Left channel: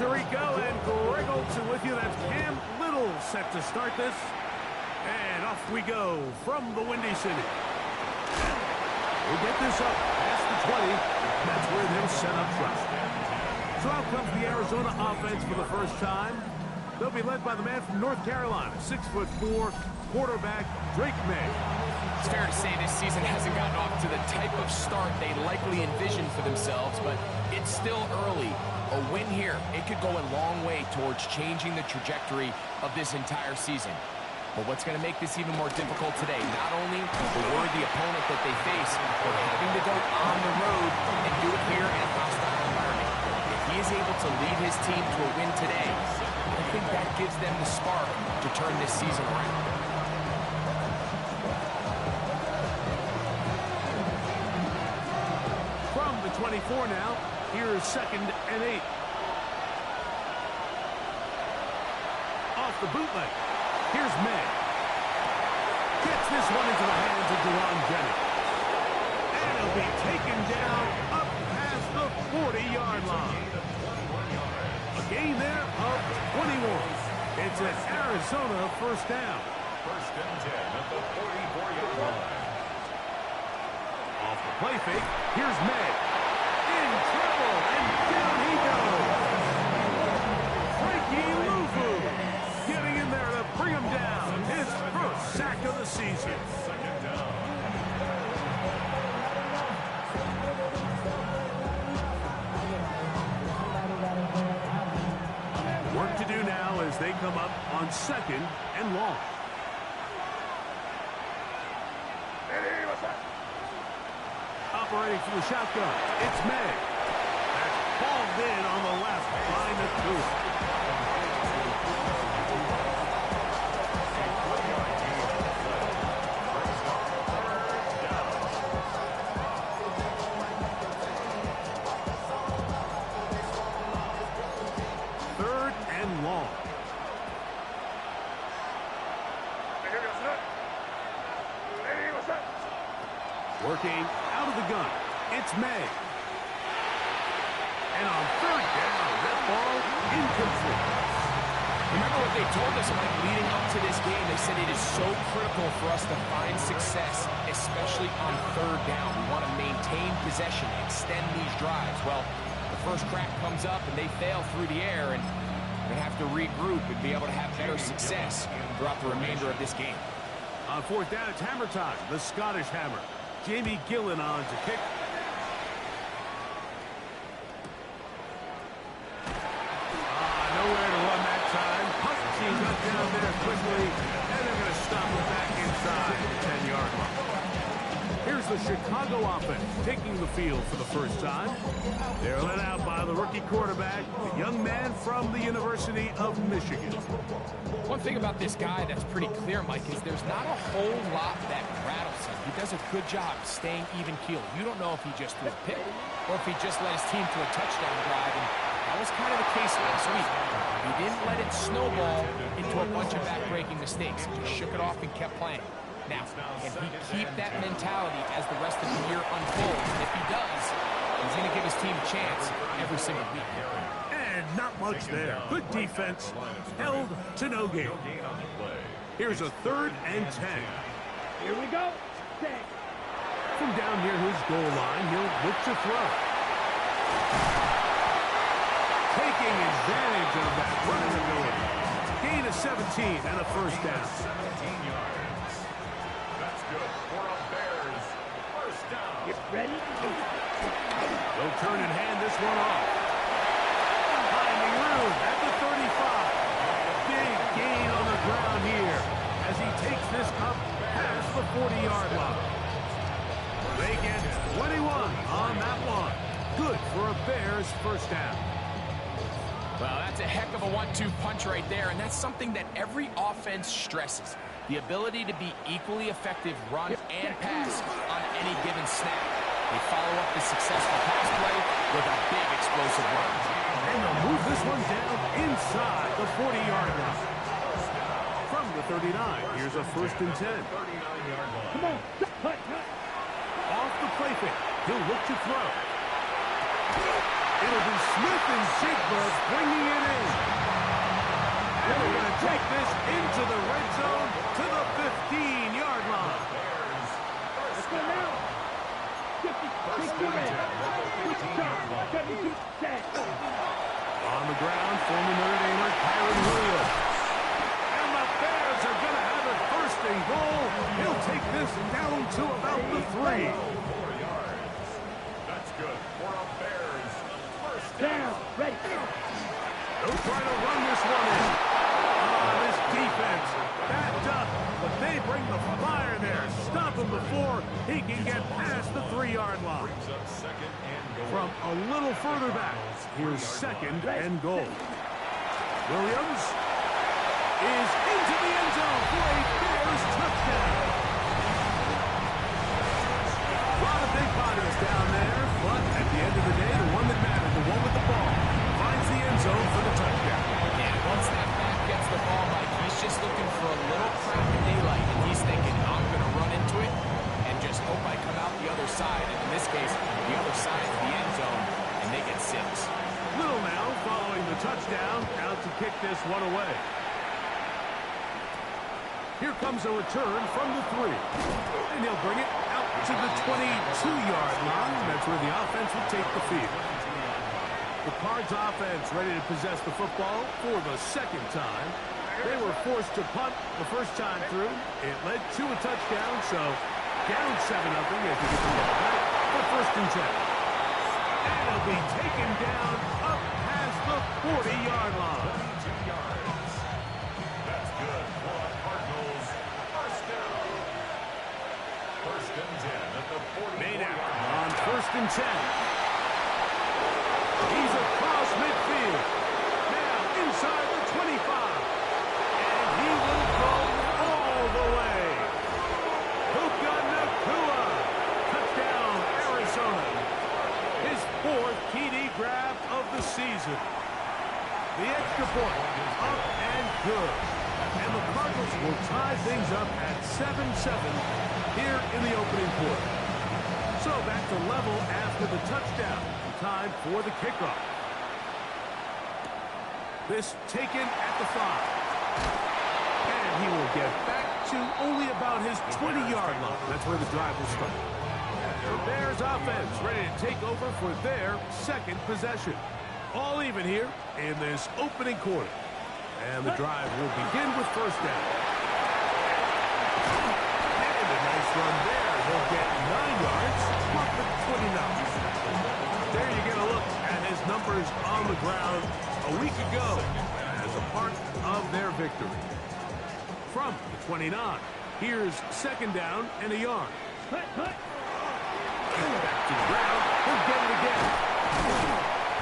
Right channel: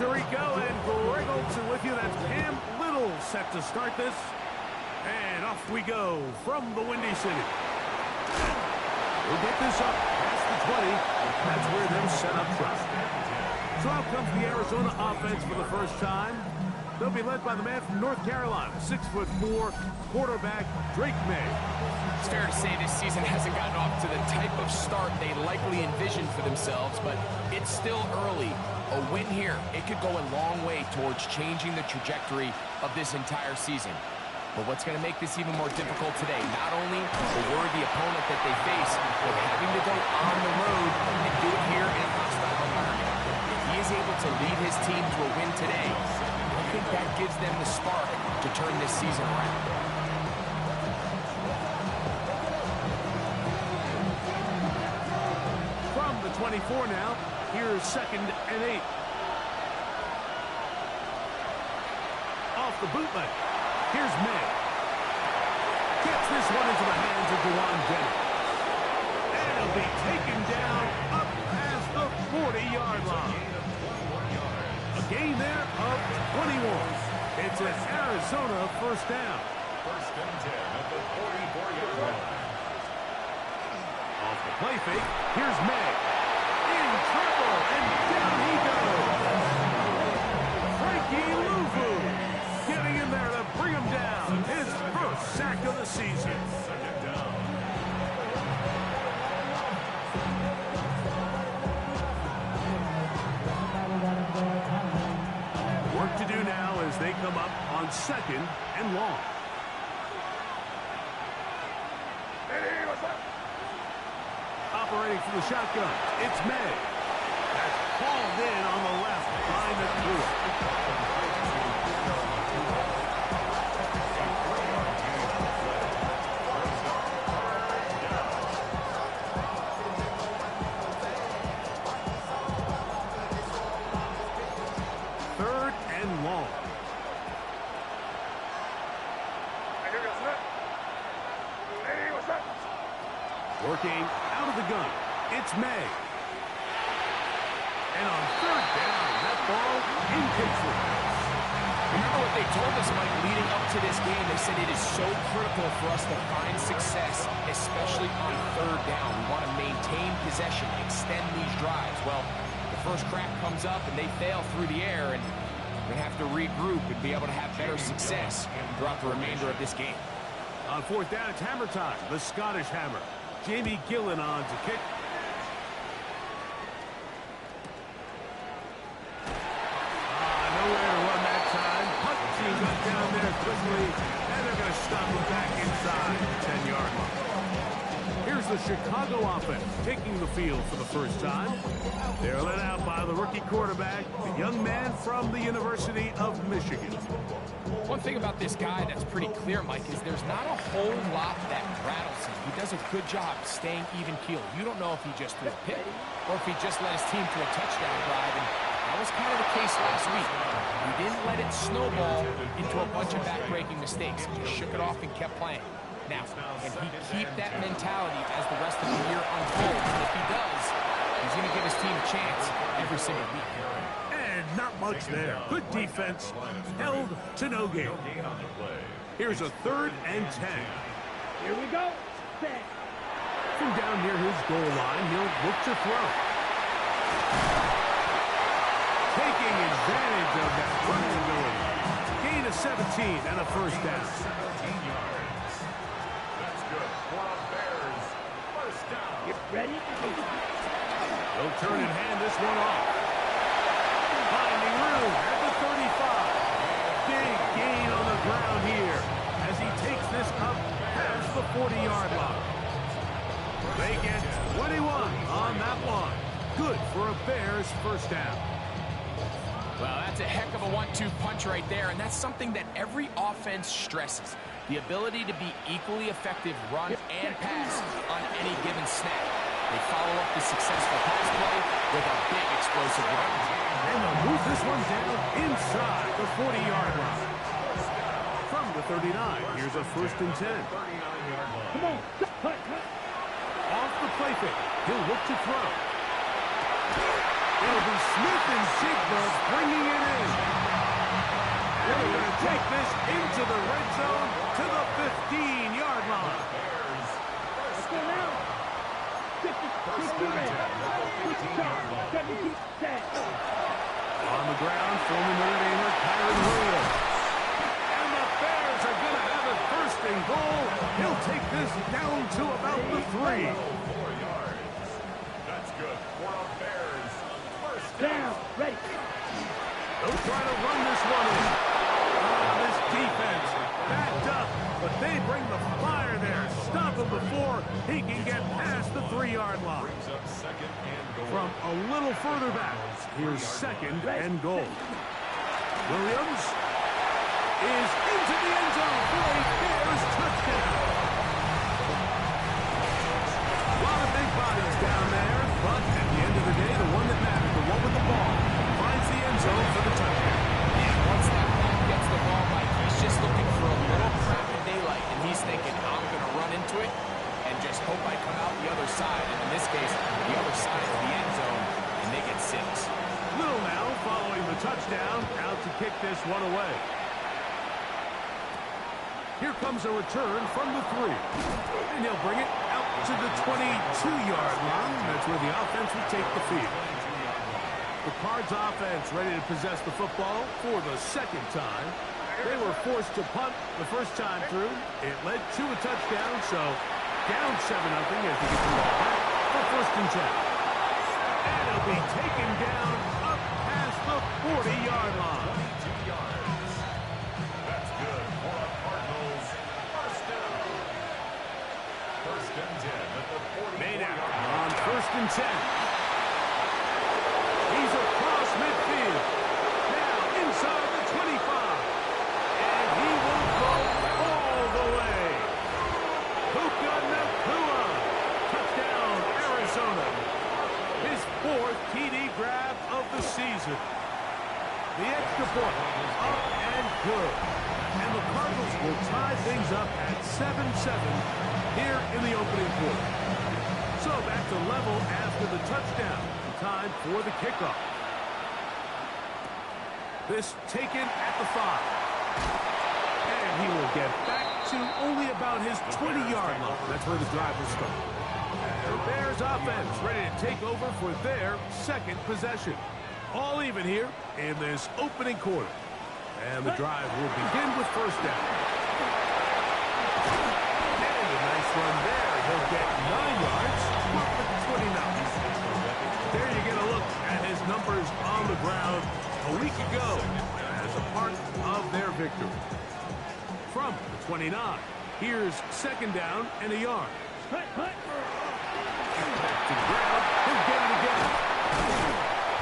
Tirico and Greg Olson with you. That's Cam Little set to start this. And off we go from the Windy City. We'll get this up past the 20. That's where they'll set up shop. So out comes the Arizona offense for the first time. They'll be led by the man from North Carolina, 6'4", quarterback Drake May. It's fair to say this season hasn't gotten off to the type of start they likely envisioned for themselves, but it's still early. A win here, it could go a long way towards changing the trajectory of this entire season. But what's going to make this even more difficult today, not only the worthy opponent that they face, but having to go on the road and do it here in a hostile environment. If he is able to lead his team to a win today, I think that gives them the spark to turn this season around. From the 24 now, here's 2nd and 8. Off the bootleg. Here's May. Gets this one into the hands of Dewan Jennings. And it'll be taken down up past the 40-yard line. A gain there of 21. It's an Arizona first down. 1st and 10 at the 44-yard line. Off the play fake, here's May. In trouble, and down he goes. Frankie Luvu getting in there to bring him down. His first sack of the season. 2nd down. Work to do now as they come up on 2nd and long. Operating from the shotgun, it's May. That's hauled in on the left by Nakua. Working out of the gun, it's May. And on 3rd down, that ball incomplete. Remember what they told us, Mike, leading up to this game. They said it is so critical for us to find success, especially on 3rd down. We want to maintain possession, extend these drives. Well, the first crack comes up and they fail through the air, and we're going to have to regroup and be able to have better success throughout the remainder of this game. On 4th down, it's hammer time. The Scottish Hammer. Jamie Gillen on to kick. Nowhere to run that time. Punt team got down there quickly, and they're going to stop him back inside the 10-yard line. Here's the Chicago offense taking the field for the first time. They're led out by the rookie quarterback, the young man from the University of Michigan. One thing about this guy that's pretty clear, Mike, is there's not a whole lot that rattles him. He does a good job staying even-keeled. You don't know if he just threw a pick or if he just led his team to a touchdown drive, and that was kind of the case last week. He didn't let it snowball into a bunch of back-breaking mistakes. He just shook it off and kept playing. Now, can he keep that mentality as the rest of the year unfolds? And if he does, he's going to give his team a chance every single week. And not much there. Good defense. Held to no gain. Here's a 3rd and 10. Here we go. From down near his goal line, he'll look to throw. Taking advantage of that running ability. Gain of 17 and a first down. 17 yards. That's good for a Bears first down. Get ready. They'll turn and hand this one off. Finding room at the 35. Big gain on the ground here as he takes this up past the 40-yard line. They get 21 on that one. Good for a Bears first down. Well, that's a heck of a 1-2 punch right there, and that's something that every offense stresses. The ability to be equally effective run and pass on any given snap. They follow up the successful pass play with a big explosive run. And they'll move this one down inside the 40-yard line. From the 39, here's a 1st and 10. 39-yard line. Come on. Cut. Off the play fake. He'll look to throw. It'll be Smith and Jigba bringing it in. And they're going to take this into the red zone to the 15-yard line. Let's go now. 50, 60 red. Switch charge. 72 set. On the ground, former Notre Damer Kyren Williams. And the Bears are going to have it first and goal. He'll take this down to about the 3. 4 yards. That's good for a Bears first Down. Ready. They'll try to run this one in. This defense backed up, but they bring the fire there. Stop him before he can get past the 3-yard line. Brings up second and goal. From a little further back, here's second and goal. Williams is into the end zone for a Bears touchdown. A lot of big bodies down there, but at the end of the day, the one that mattered, the one with the ball, finds the end zone for the touchdown. Yeah, once that back gets the ball, Mike, he's just looking for a little crack of daylight, and he's thinking, I'm going to run into it and just hope I come out the other side. And in this case, the other side is the end zone, and they get 6. Little now following the touchdown, out to kick this one away. Here comes a return from the 3. And he'll bring it out to the 22-yard line. That's where the offense will take the field. The Cards offense ready to possess the football for the second time. They were forced to punt the first time through. It led to a touchdown, so down 7-0 as they get the ball back for first and 10. And it'll be taken down up past the 40-yard line. 22 yards. That's good for a Cardinals first down. First and 10 at the 44-yard line. On first and 10. He's across midfield. Now inside the 25. And he will go all the way. Puka Nacua. Touchdown, Arizona. His 4th TD grab of the season. The extra point up and good. And the Cardinals will tie things up at 7-7 here in the opening quarter. So back to level after the touchdown. Time for the kickoff. This taken at the 5. And he will get back to only about his 20-yard line. That's where the drive will start. The Bears offense ready to take over for their second possession. All even here in this opening quarter. And the drive will begin with first down. And a nice run there. He'll get 9 yards. Mark the 29. There you get a look at his numbers on the ground a week ago as a part of their victory. From the 29, here's second down and a yard. Back to the ground. He'll get it again.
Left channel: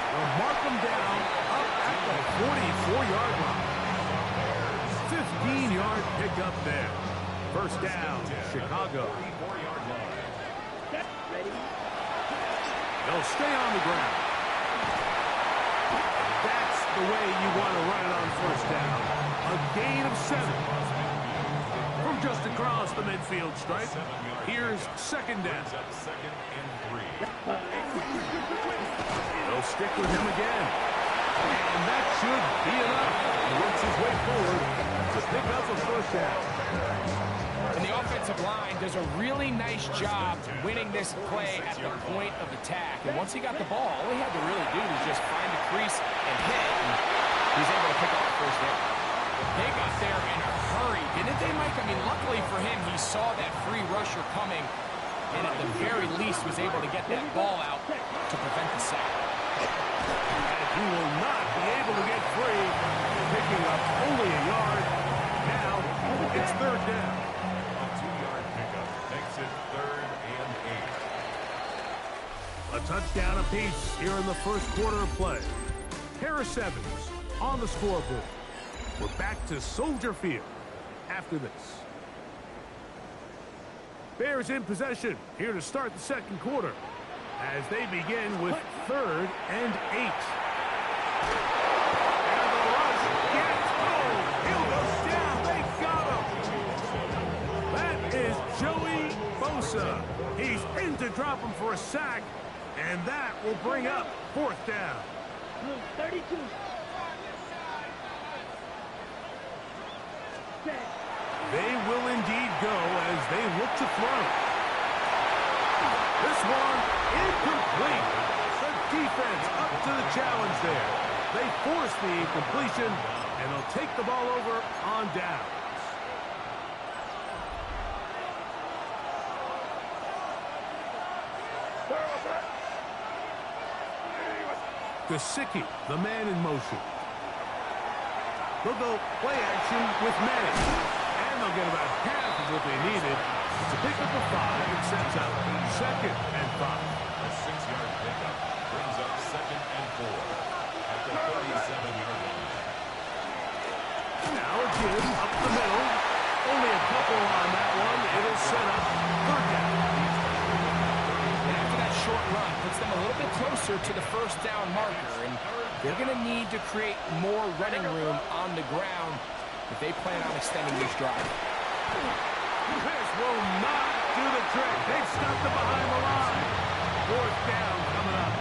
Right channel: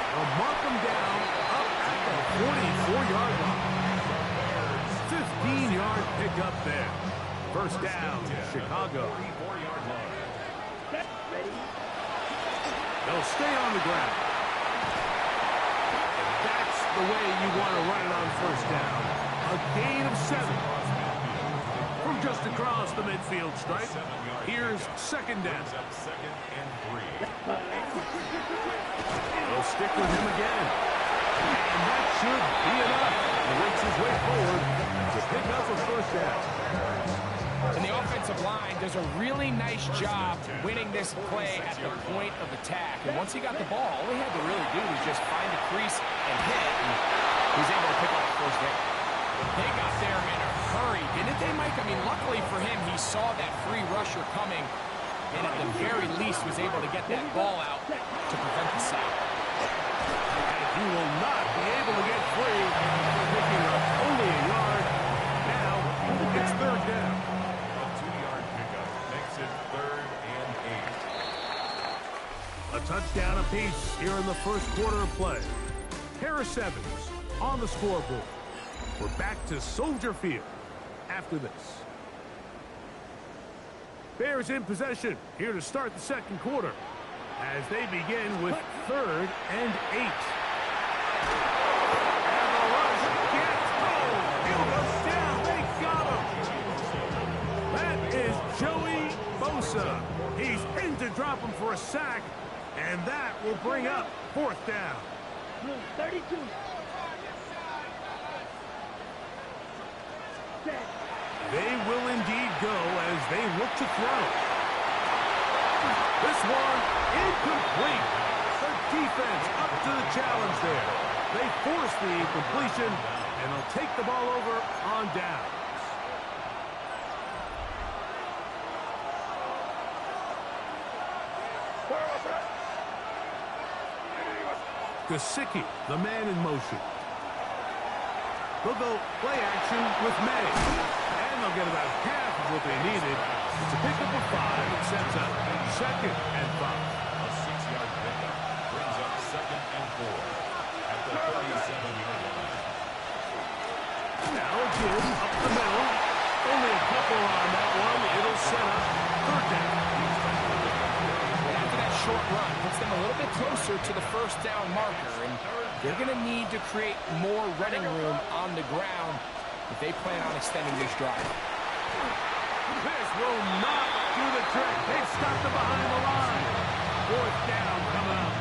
They'll mark him down up at the 44-yard line. 15-yard pickup there. First down, Chicago. 44-yard line. Ready. They'll stay on the ground. And that's the way you want to run it on first down. A gain of 7. From just across the midfield stripe, here's second down. Second and 3. They'll stick with him again. And that should be enough. He works his way forward to pick up a first down. And the offensive line does a really nice job winning this play at the point of attack. And once he got the ball, all he had to really do was just find a crease and hit it. And he's able to pick up the first down. They got there in a hurry, didn't they, Mike? I mean, luckily for him, he saw that free rusher coming and at the very least was able to get that ball out to prevent the sack. And he will not be able to get free, picking up only a yard. Now it's third down. A 2-yard pickup makes it third and 8. A touchdown apiece here in the first quarter of play. Harris Evans on the scoreboard. We're back to Soldier Field after this. Bears in possession here to start the second quarter as they begin with third and 8. And the rush gets home. Hill goes down. They got him. That is Joey Bosa. He's in to drop him for a sack. And that will bring up 4th down. Blue 32. Set. They will indeed go as they look to throw. This one incomplete. The defense up to the challenge there. They force the incompletion, and they'll take the ball over on downs. Gesicki, the man in motion. They'll go play action with May. And they'll get about half of what they needed. It's a pickup of 5 and sets up 2nd and 5. A 6-yard pickup brings up 2nd and 4 at the 37-yard line. Now again, up the middle. Only a couple on that one. It'll set up 3rd down. And after that short run, puts them a little bit closer to the 1st down marker. And they're going to need to create more running room on the ground if they plan on extending this drive. This will not do the trick. They've stopped it behind the line. 4th down coming up.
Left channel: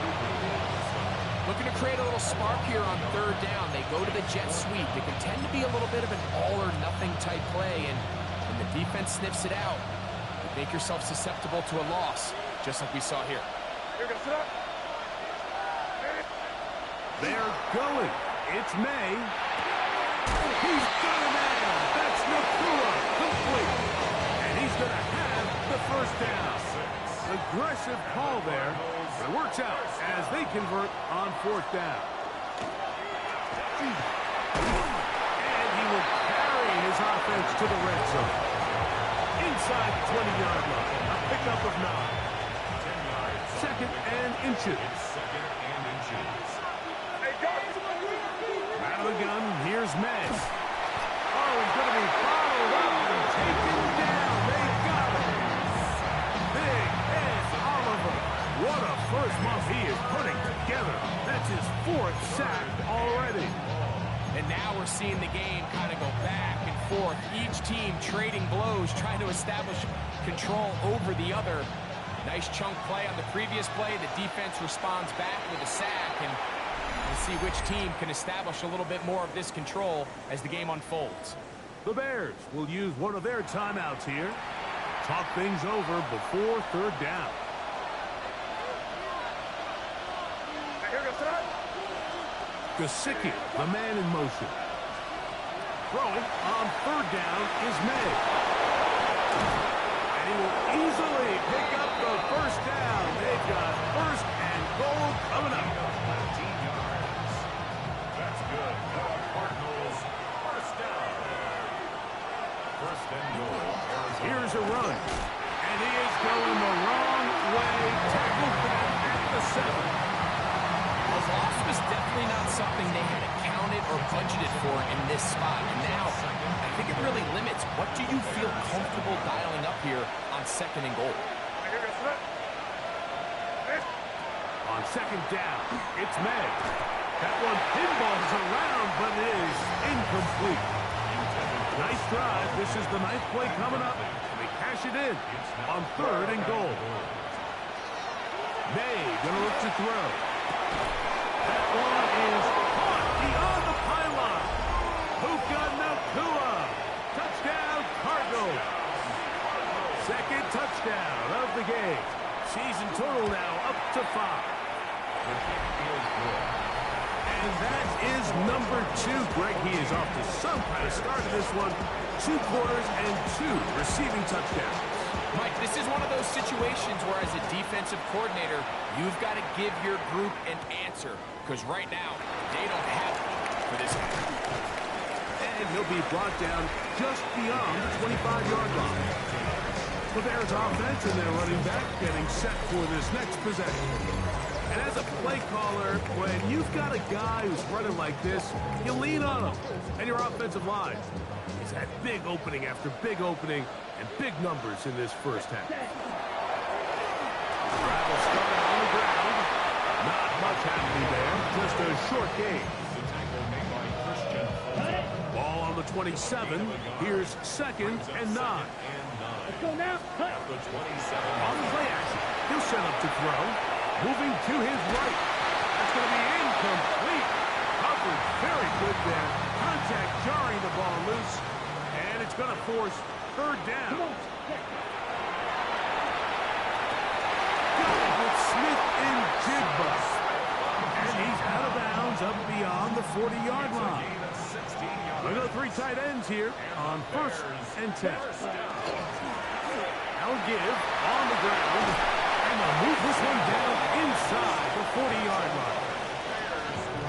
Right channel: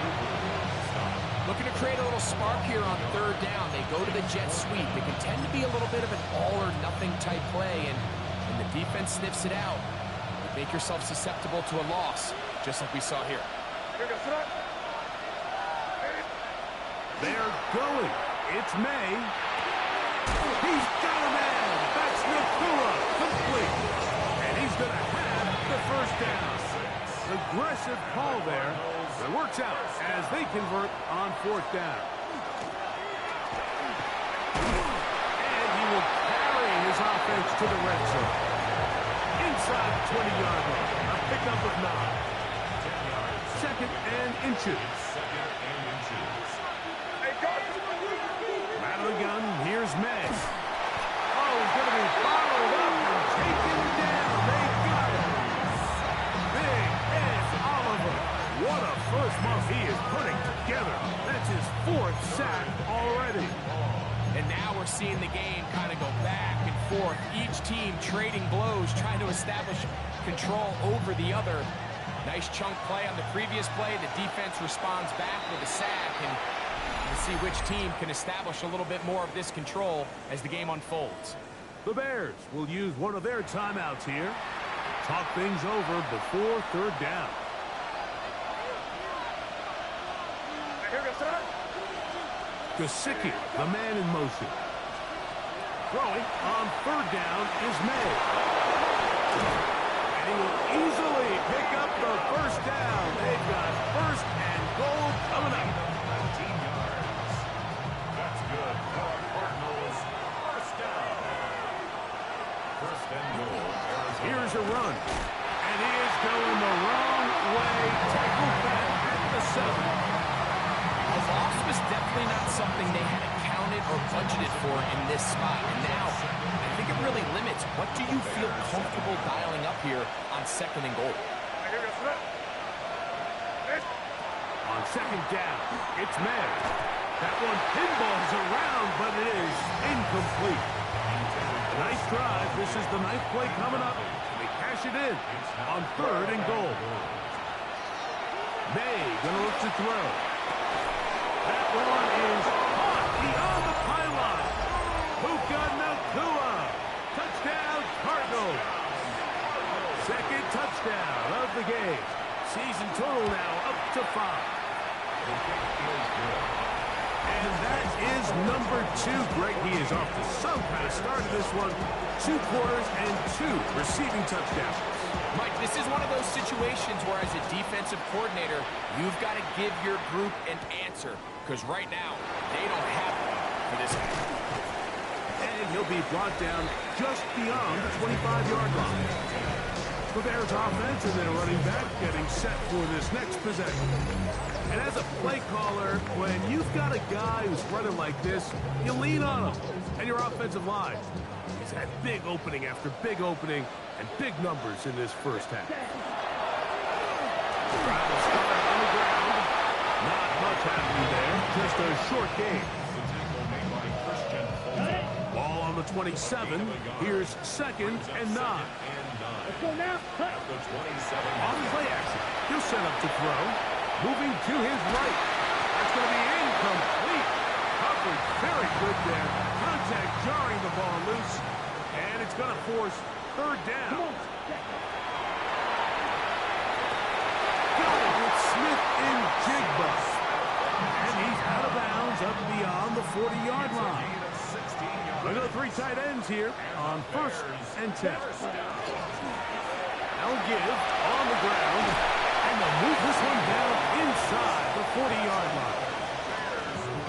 Looking to create a little spark here on 3rd down. They go to the jet sweep. It can tend to be a little bit of an all-or-nothing type play, and when the defense sniffs it out, you make yourself susceptible to a loss, just like we saw here. They're going. It's May. He's got a man. That's Nakua. Complete. And he's going to have the 1st down. Aggressive call there, but it works out as they convert on 4th down. And he will carry his offense to the red zone. Inside the 20-yard line. A pickup of 9. 10 yards. 2nd and inches. 2nd and inches. Out of the gun, here's May. Oh, he's going to be followed up and taken down. They got him. Big Ed Oliver. What a first month he is putting together. That's his 4th sack already. And now we're seeing the game kind of go back and forth. Each team trading blows, trying to establish control over the other. Nice chunk play on the previous play. The defense responds back with a sack, and we'll see which team can establish a little bit more of this control as the game unfolds. The Bears will use one of their timeouts here. Talk things over before 3rd down. Gesicki, the man in motion. Throwing on 3rd down is May. And he will easily pick up the 1st down. They've got 1st and goal coming up. 19 yards. That's good for our Cardinals. 1st down. 1st and goal. Arizona. Here's a run. And he is going the wrong way. Tackled back at the 7. A loss was definitely not something they had accounted or budgeted for in this spot. And now, I think it really limits what do you feel comfortable dialing up here on 2nd and goal. On 2nd down, it's May. That one pinballs around, but it is incomplete. Nice drive. This is the 9th play coming up. They cash it in on 3rd and goal. May gonna look to throw. That one is caught beyond the pylon. Puka Nakua. Touchdown, Cardinals. 2nd touchdown of the game. Season total now up to 5. The kick is good. And that is number 2. Greg, he is off to some kind of start in this one. 2 quarters and 2 receiving touchdowns. Mike, this is one of those situations where as a defensive coordinator, you've got to give your group an answer. Because right now, they don't have one for this guy. And he'll be brought down just beyond the 25-yard line. The Bears offense and their running back getting set for this next possession. And as a play caller, when you've got a guy who's running like this, you lean on him. And your offensive line has had big opening after big opening and big numbers in this first half. The drive will start on the ground. Not much happening there. Just a short game. The tackle made by Christian Fulton. Ball on the 27. Here's 2nd and 9. Let's go now. Cut. At the 27. On the play action, he'll set up to throw. Moving to his right. That's going to be incomplete. Coverage very good there. Contact jarring the ball loose. And it's going to force third down. Got it with Smith-Njigba. And he's out of bounds up beyond the 40-yard line. We've got 3 tight ends here on 1st and 10. Now give on the ground. And they'll move this one down inside the 40-yard line.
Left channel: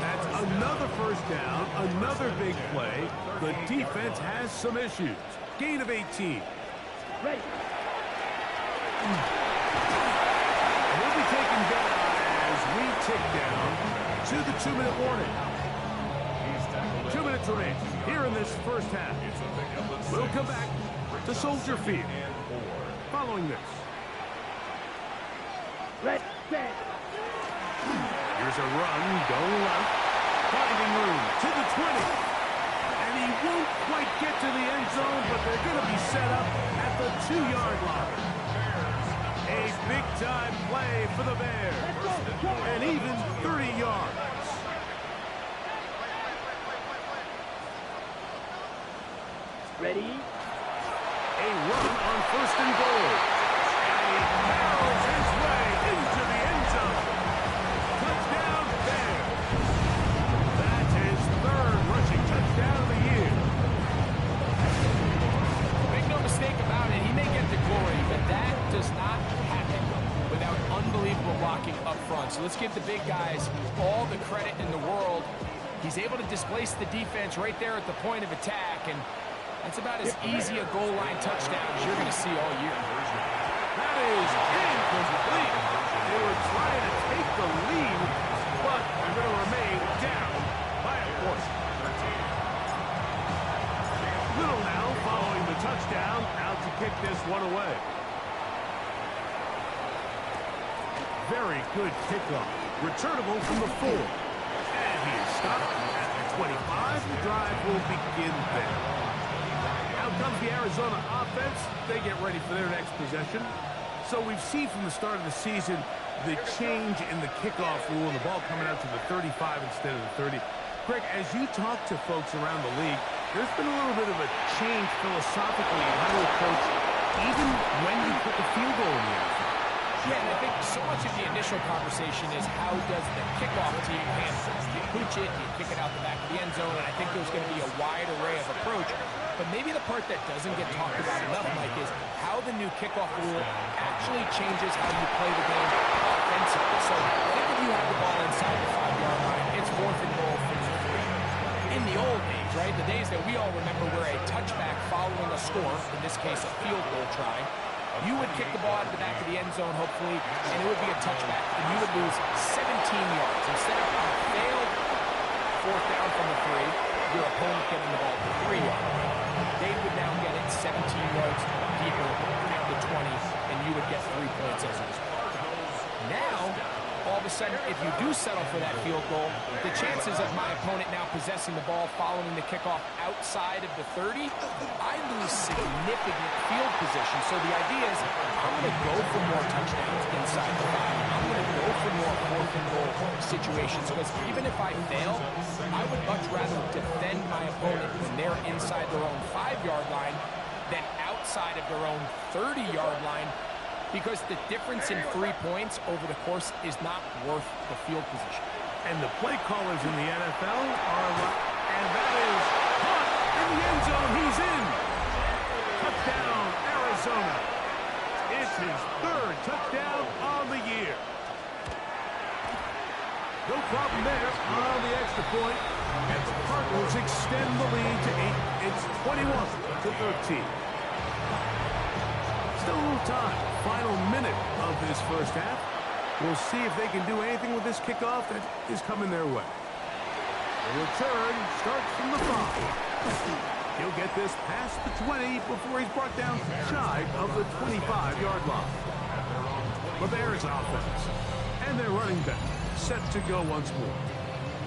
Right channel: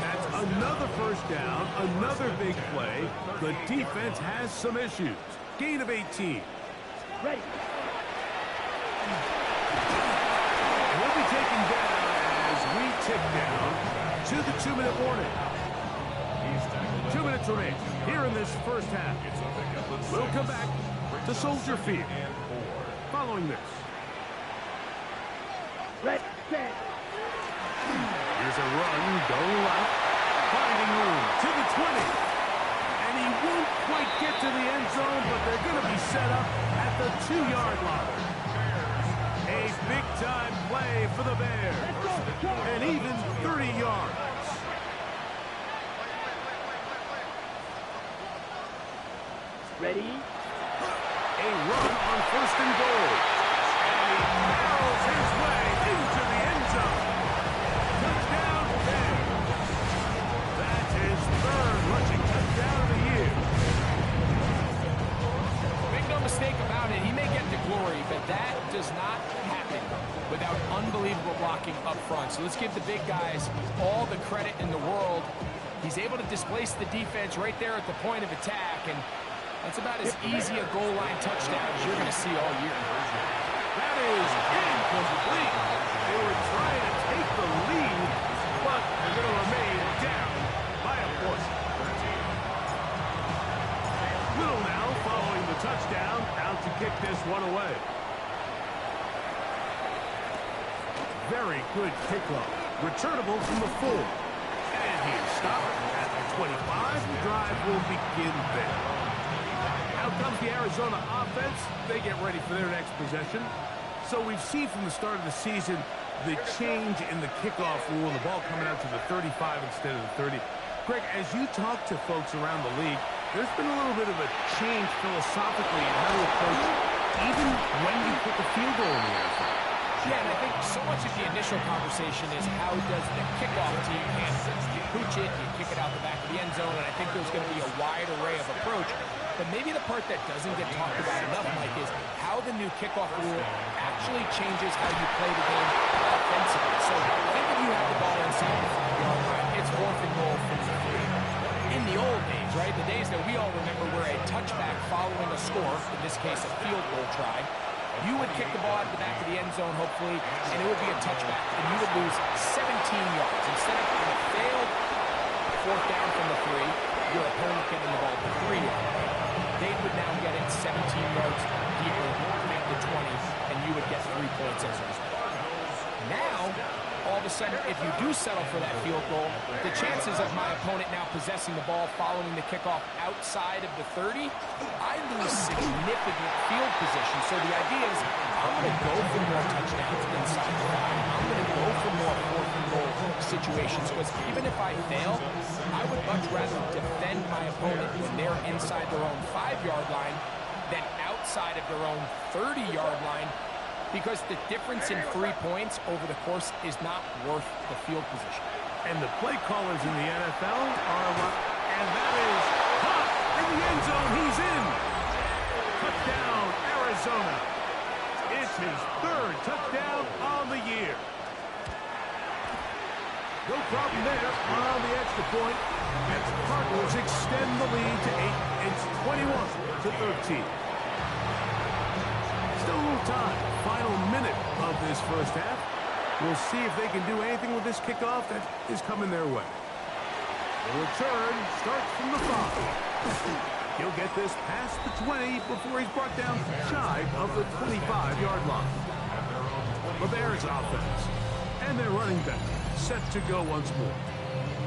That's another first down, another big play. The defense has some issues. Gain of 18. Ready. And he'll be taken down as we tick down to the 2-minute warning. 2 minutes remain here in this first half. We'll come back to Soldier Field following this. Red, set. Here's a run going left, finding room to the 20. And he won't quite get to the end zone, but they're going to be set up at the 2-yard line. A big-time play for the Bears. And even 30 yards. Ready. A run on 1st and goal. And he barrels his way into the end zone. Touchdown, Bears. That's his 3rd rushing touchdown of the year. Make no mistake about it, he may get the glory, but that does not happen without unbelievable blocking up front. So let's give the big guys all the credit in the world. He's able to displace the defense right there at the point of attack, and that's about as easy a goal line touchdown as you're going to see all year. That is incomplete. They were trying to take the lead, but they're going to remain down by a point. Little now following the touchdown, out to kick this one away. Very good kickoff. Returnable from the 4. And he is stopped at the 25. The drive will begin there. Out comes the Arizona offense. They get ready for their next possession. So we've seen from the start of the season the change in the kickoff rule and the ball coming out to the 35 instead of the 30. Greg, as you talk to folks around the league, there's been a little bit of a change philosophically in how to approach even when you put the field goal in the NFL. Yeah, and I think so much of the initial conversation is how does the kickoff team handle it? Do you pooch it? Do you kick it out the back of the end zone? And I think there's going to be a wide array of approach. But maybe the part that doesn't get talked about enough, Mike, is how the new kickoff rule actually changes how you play the game offensively. So think if you have the ball inside the 5-yard line, it's 4th and goal from the 3. In the old days, right, the days that we all remember where a touchback following a score, in this case a field goal try, you would kick the ball out of the back of the end zone, hopefully, and it would be a touchback, and you would lose 17 yards. Instead of a failed 4th down from the 3, your opponent getting the ball at the 3-yard line. They would now get it 17 yards deeper at the 20, and you would get 3 points as a result. Now, all of a sudden, if you do settle for that field goal, the chances of my opponent now possessing the ball following the kickoff outside of the 30, I lose significant field position. So the idea is I'm going to go for more touchdowns inside the 5. I'm going to go for more 4th and goal situations because even if I fail, I would much rather defend my opponent when they're inside their own 5-yard line than outside of their own 30-yard line, because the difference in 3 points over the course is not worth the field position. And the play callers in the NFL are a lot. And that is caught in the end zone. He's in. Touchdown, Arizona. It's his 3rd touchdown on the year. No problem there on the extra point. And the Cardinals extend the lead to 8. It's 21-13. Still a little time. Final minute of this first half. We'll see if they can do anything with this kickoff that is coming their way. The return starts from the 5. He'll get this past the 20 before he's brought down shy of the 25-yard line. The Bears offense and their running back set to go once more.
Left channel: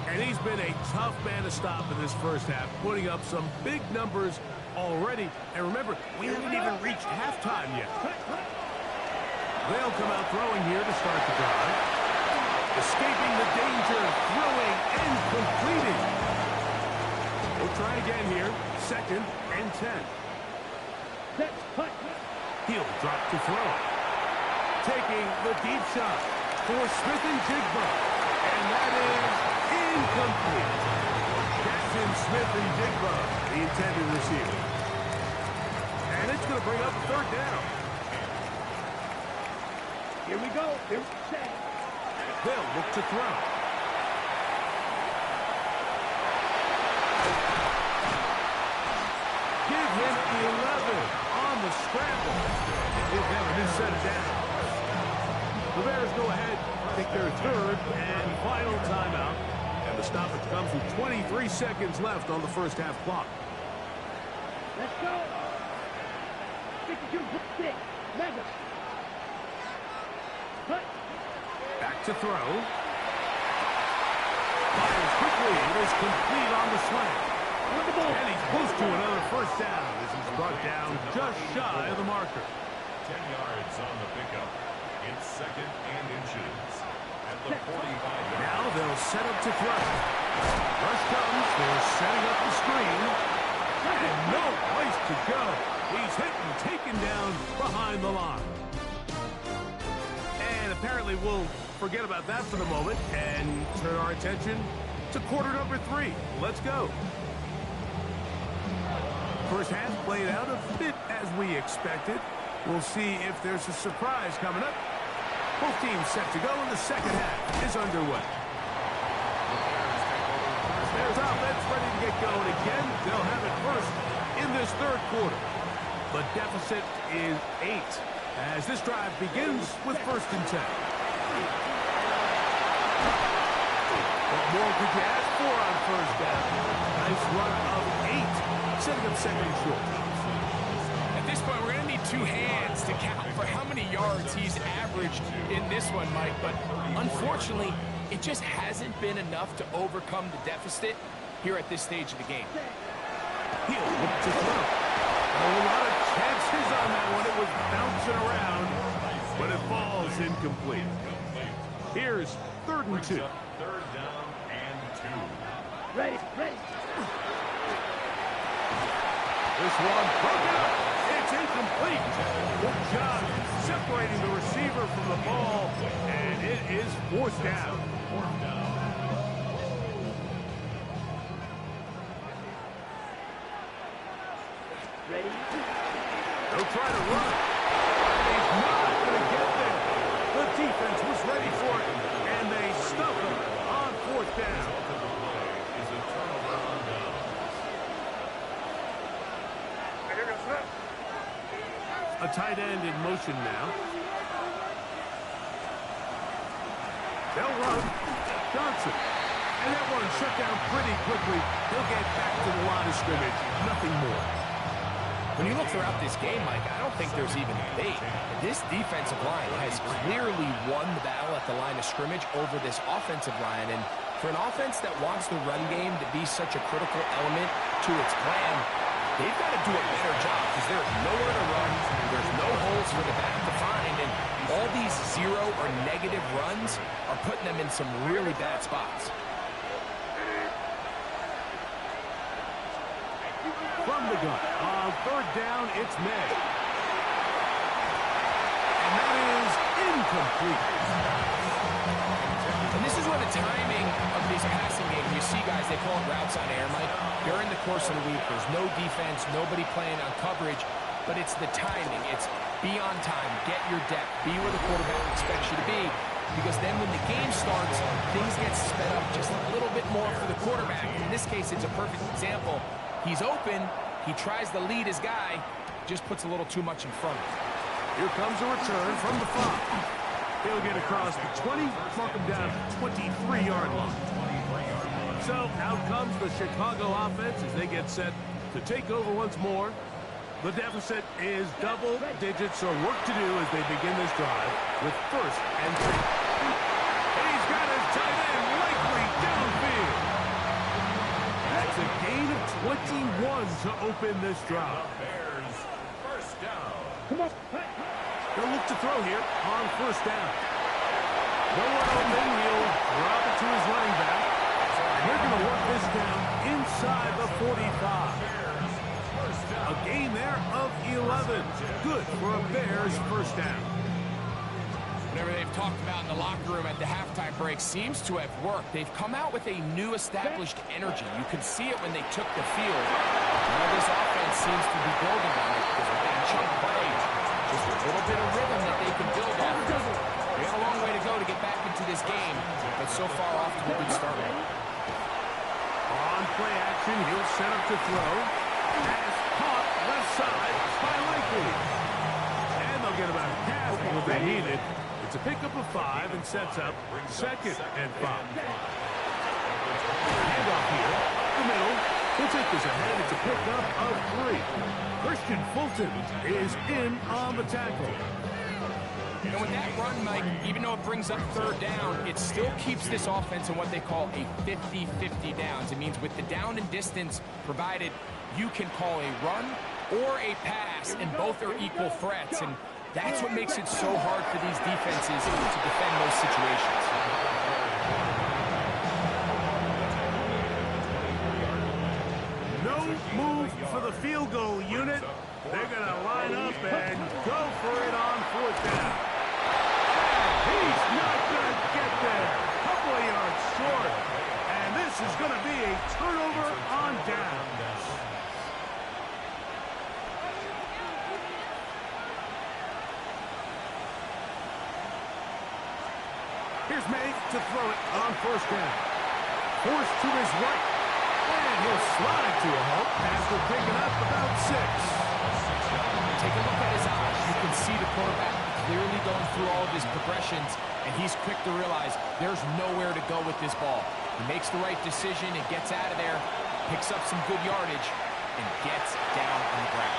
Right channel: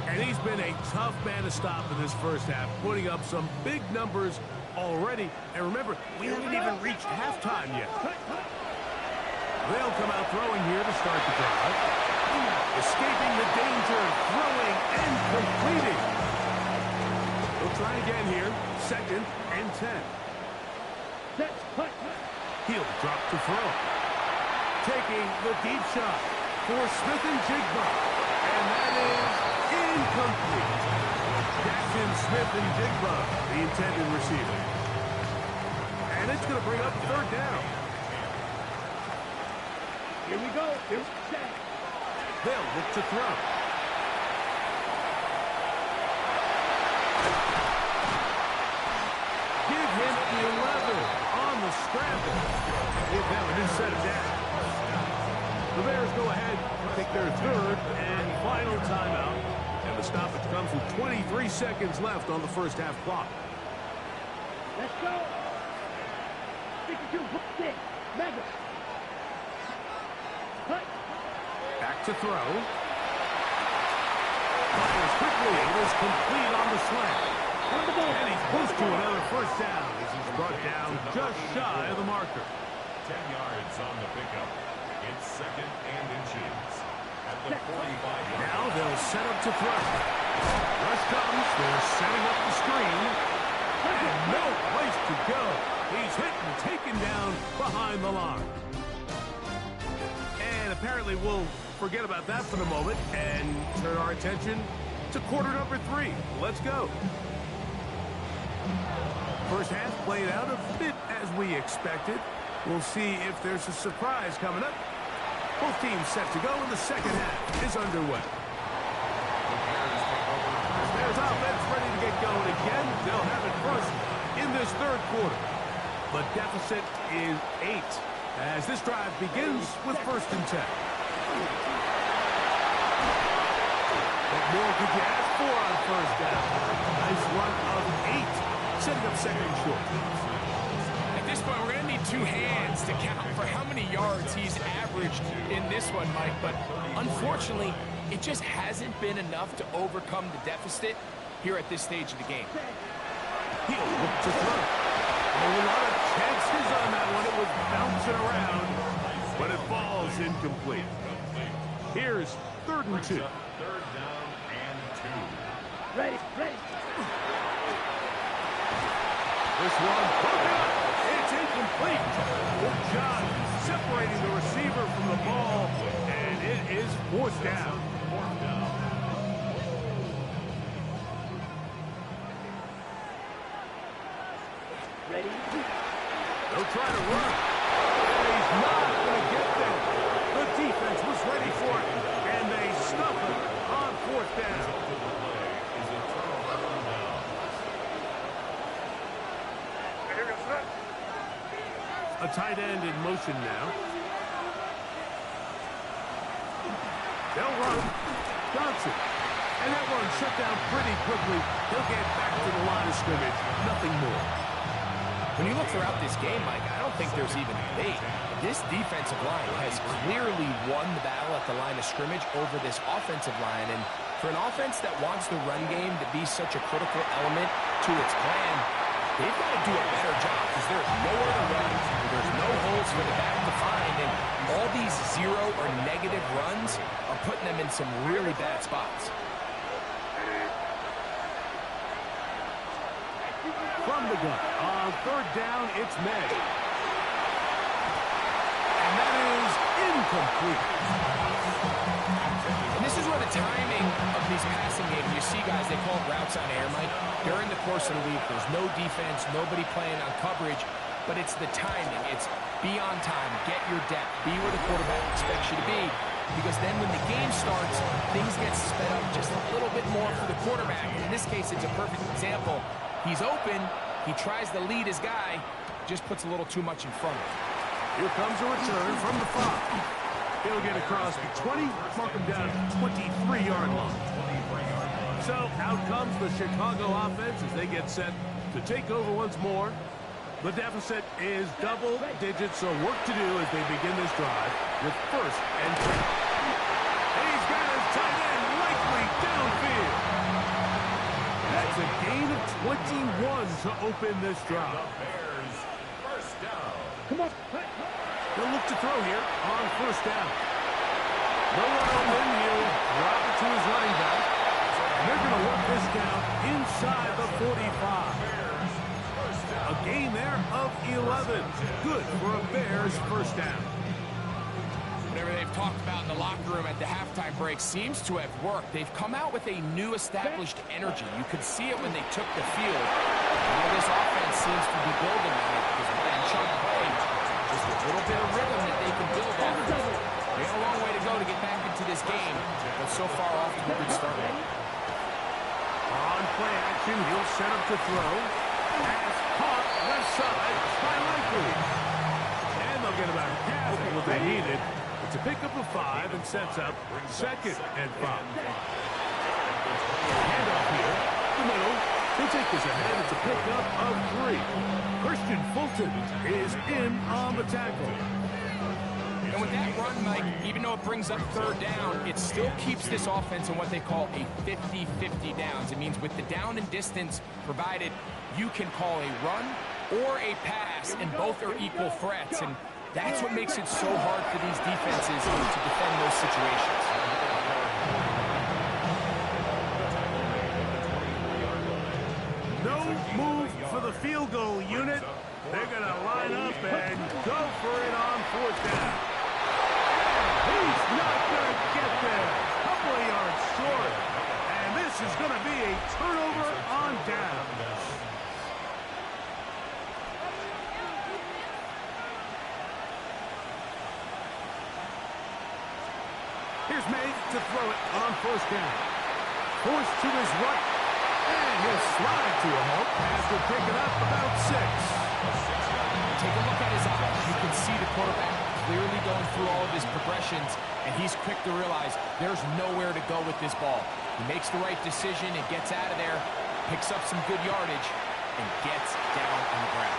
And he's been a tough man to stop in this first half, putting up some big numbers already. And remember, we haven't even reached halftime yet. They'll come out throwing here to start the drive. Escaping the danger, throwing and completing. He'll try again here. 2nd and 10. Set, cut. He'll drop to throw. Taking the deep shot for Smith-Njigba. And that is incomplete. Jackson Smith-Njigba, the intended receiver. And it's going to bring up a 3rd down. Here we go. Here's set. They'll look to throw. Give him 11 on the scramble. Give them a new set of downs. The Bears go ahead, take their 3rd and final timeout. And the stoppage comes with 23 seconds left on the first half clock. Let's go. 52-6. Mega. Cut. Back to throw. Fires quickly. It is complete on the slant. On the ball. And he's close to another first down as he's brought down just shy of the marker. 10 yards on the pickup. It's 2nd and inches. At the 45-yard. Now they'll set up to throw. Rush comes. They're setting up the screen. And no place to go. He's hit and taken down behind the line. And apparently we'll forget about that for the moment and turn our attention to quarter number 3. Let's go. First half played out a bit as we expected. We'll see if there's a surprise coming up. Both teams set to go, and the second half is underway. Bears offense ready to get going again. They'll have it first in this 3rd quarter. The deficit is 8 as this drive begins with 1st and 10. What more could you ask for on 1st down? Nice run of 8, setting up 2nd and short. At this point, we're going to need 2 hands to count for how many yards he's averaged in this one, Mike. But unfortunately, it just hasn't been enough to overcome the deficit here at this stage of the game. He'll look to throw. A whole lot of chances on that one. It was bouncing around, but it falls incomplete. Here's 3rd and 2. 3rd down and 2. Ready, ready. This one broken up. It's incomplete. Good job separating the receiver from the ball, and it is 4th down. 4th down. Ready. They'll try to run, and he's not going to get there. The defense was ready for it, and they stuff him on 4th down. Result of the play is a turnover on downs. A tight end in motion now. They'll run. Johnson. And that one shut down pretty quickly. He'll get back to the line of scrimmage. Nothing more. When you look throughout this game, Mike, I don't think there's even a debate. This defensive line has clearly won the battle at the line of scrimmage over this offensive line. And for an offense that wants the run game to be such a critical element to its plan, they've got to do a better job because there's nowhere to run. There's no holes for the back to find. And all these 0 or negative runs are putting them in some really bad spots. From the gun, on 3rd down, it's May. And that is incomplete. And this is where the timing of these passing games, you see guys, they call it routes on air, Mike. During the course of the week, there's no defense, nobody playing on coverage, but it's the timing. It's be on time, get your depth, be where the quarterback expects you to be. Because then when the game starts, things get sped up just a little bit more for the quarterback. In this case, it's a perfect example. He's open, he tries to lead his guy, just puts a little too much in front of him. Here comes a return from the 5. He'll get across the 20, mark him down at 23-yard line. So out comes the Chicago offense as they get set to take over once more. The deficit is double digits, so work to do as they begin this drive with 1st and 10. He's got his tight end likely downfield. That's a gain of 21 to open this drive. The Bears, 1st down. Come on. They'll look to throw here on 1st down. No one open. He'll drop it to his running back. And they're going to work this down inside the 45. A gain there of 11. Good for a Bears first down. Whatever they've talked about in the locker room at the halftime break seems to have worked. They've come out with a new established energy. You could see it when they took the field. Now this offense seems to be building on it because with that chunk play, just a little bit of rhythm that they can build off of. They have a long way to go to get back into this game, but so far off to a good start. On play action, he'll set up to throw. Pass caught left side by Likely. And they'll get about half of what they needed. It's a pickup of 5 and sets up 2nd and 5. Handoff here, up the middle. He'll take this ahead. It's a pickup of 3. Christian Fulton is in on the tackle. And with that run, Mike, even though it brings up 3rd down, it still keeps this offense in what they call a 50-50 downs. It means with the down and distance provided, you can call a run or a pass, and both are equal threats. And that's what makes it so hard for these defenses to defend those situations. No move for the field goal unit. They're going to line up and go for it on 4th down. And he's not going to get there. Couple of yards short. And this is going to be a turnover on down. Here's May to throw it on 1st down. Forced to his right. And he'll slide to a halt. Pass will pick it up about 6. Take a look at his eyes. You can see the quarterback clearly going through all of his progressions, and he's quick to realize there's nowhere to go with this ball. He makes the right decision and gets out of there, picks up some good yardage, and gets down on the ground.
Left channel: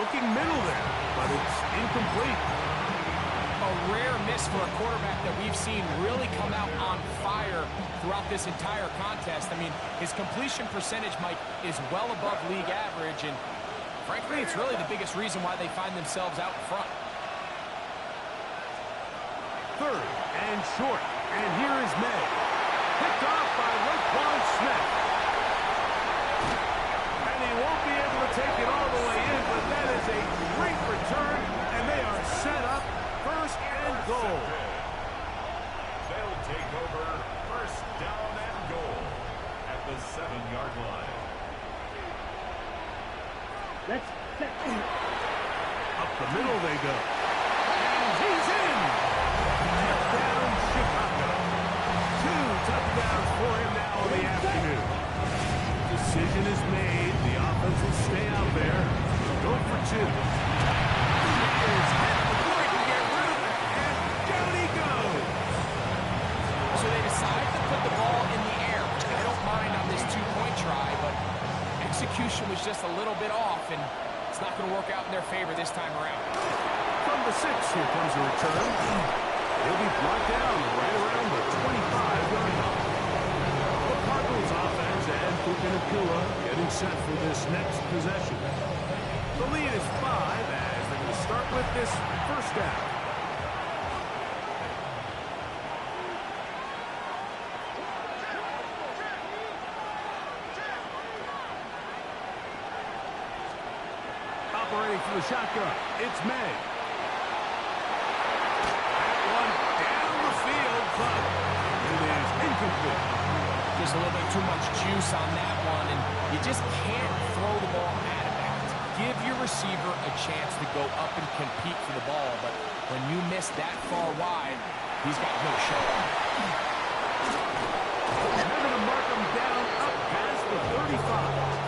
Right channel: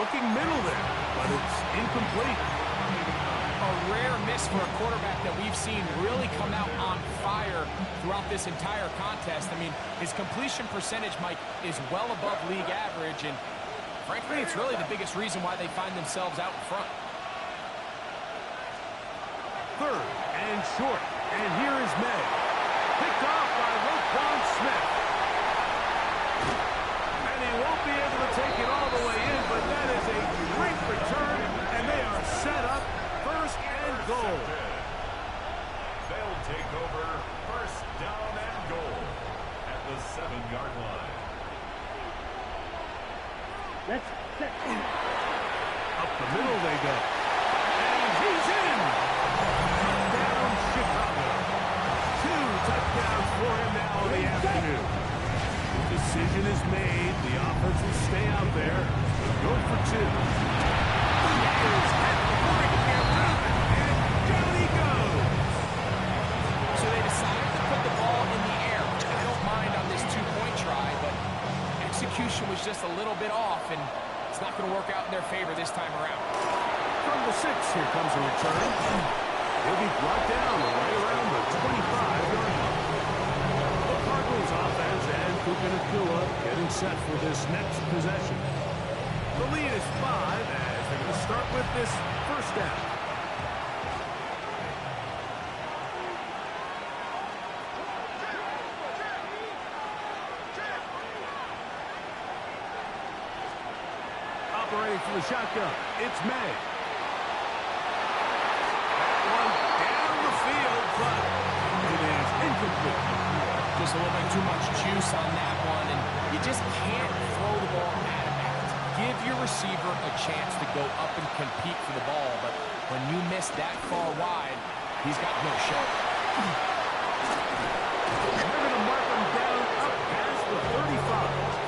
Looking middle there, but it's incomplete. A rare miss for a quarterback that we've seen really come out on fire throughout this entire contest. I mean, his completion percentage, Mike, is well above league average, and frankly, it's really the biggest reason why they find themselves out in front. 3rd and short, and here is May. Picked off by Roquan Smith. And he won't be able to take it all the way in, but that is a great return, and they are set up 1st and goal. They'll take over 1st down and goal at the 7-yard line. Let's set. Up the middle they go. And he's in! Touchdown, Chicago. 2 touchdowns for him now in the afternoon. The decision is made. The offense will stay out there. They'll go for 2. He is hit before he can get rid of it. And down he goes. So they decide to put the ball in the air, which I don't mind on this 2-point try, but execution was just a little bit off, and it's not going to work out in their favor this time around. From the 6, here comes a return. He'll be brought down right around the 25-yard line. The Cardinals offense and Puka Nacua getting set for this next possession. The lead is 5 as they're going to start with this 1st down. Operating for the shotgun, it's May. That one down the field, but it is incomplete. Just a little bit too much juice on that one, and you just can't throw the ball out of bounds. Give your receiver a chance to go up and compete for the ball, but when you miss that far wide, he's got no shot. And they're going to mark him down up past the 35.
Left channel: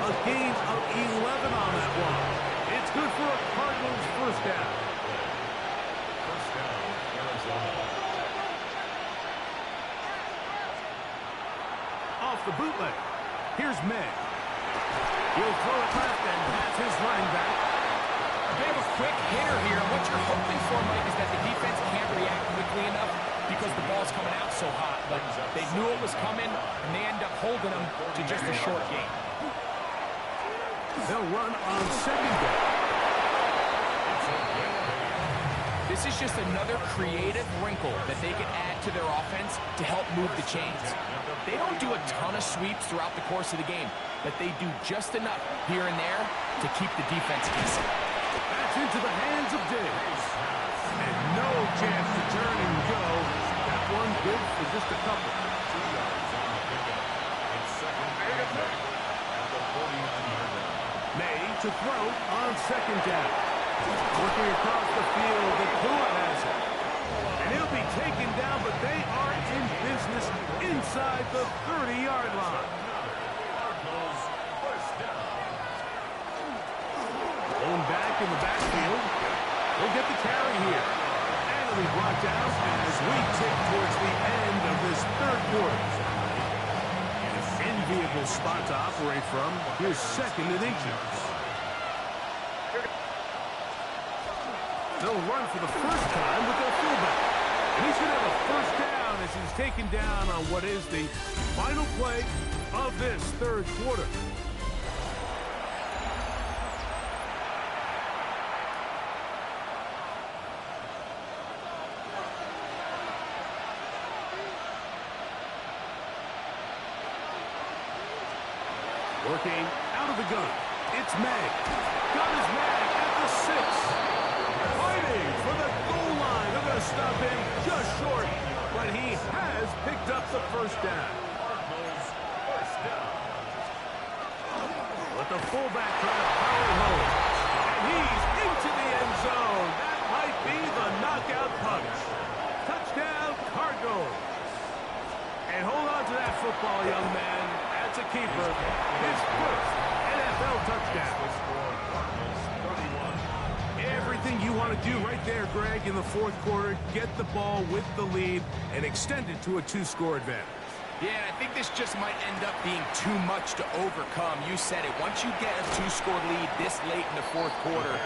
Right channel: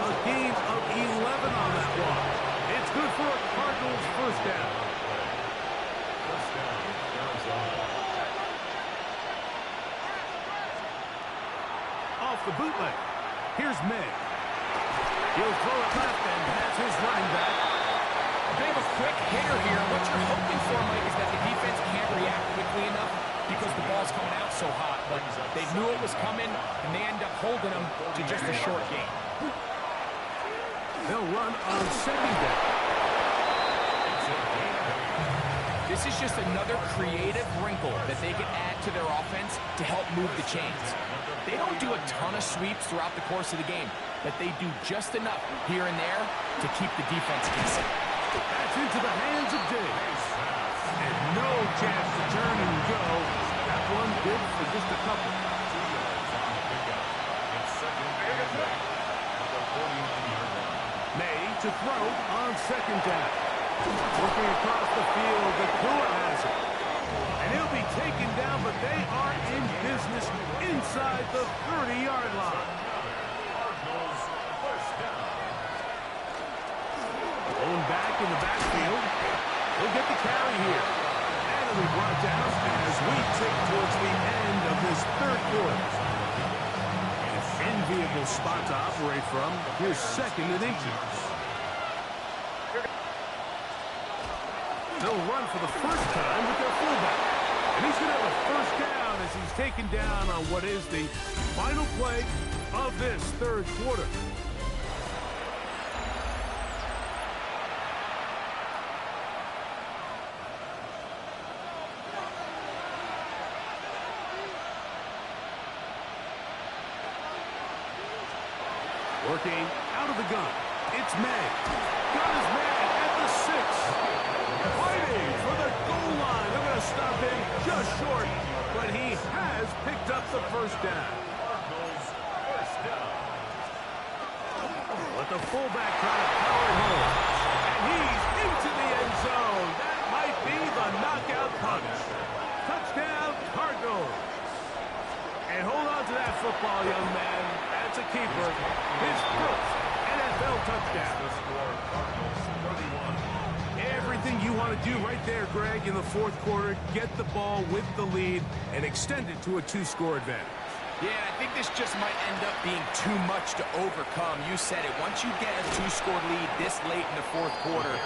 A gain of 11 on that one. It's good for a Cardinals 1st down. 1st down, Arizona. Off the bootleg. Here's May. He'll throw it left and has his running back. A bit of a quick hitter here. What you're hoping for, Mike, is that the defense can't react quickly enough because the ball's coming out so hot. But they knew it was coming, and they end up holding them to just a short gain. They'll run on 2nd down. This This is just another creative wrinkle that they can add to their offense to help move the chains. They don't do a ton of sweeps throughout the course of the game, but they do just enough here and there to keep the defense guessing. That's into the hands of Diggs. And no chance to turn and go. That one good for just a couple. 2 yards on the pickup. It's second and 8 at the 41-yard line. May to throw on second down. Working across the field, the Tua has it. And he'll be taken down, but they are in business inside the 30-yard line. Cardinals first down. Going back in the backfield. He'll get the carry here. And he'll be brought down as we tick towards the end of this third quarter. An enviable spot to operate from. Here's second and inches. They'll run for the first time with their fullback. And he's going to have a first down as he's taken down on what is the final play of this third quarter. Working out of the gun. It's May. Got his man at the 6. Fighting for the goal line. They're going to stop him just short, but he has picked up the first down. Cardinals first down. Let the fullback try to power it home. And he's into the end zone. That might be the knockout punch. Touchdown, Cardinals. And hold on to that football, young man. That's a keeper. His first NFL touchdown. The score, Cardinals 31. Everything you want to do right there, Greg, in the fourth quarter. Get the ball with the lead and extend it to a 2-score advantage. Yeah, and I think this just might end up being too much to overcome. You said it. Once you get a 2-score lead this late in the fourth quarter,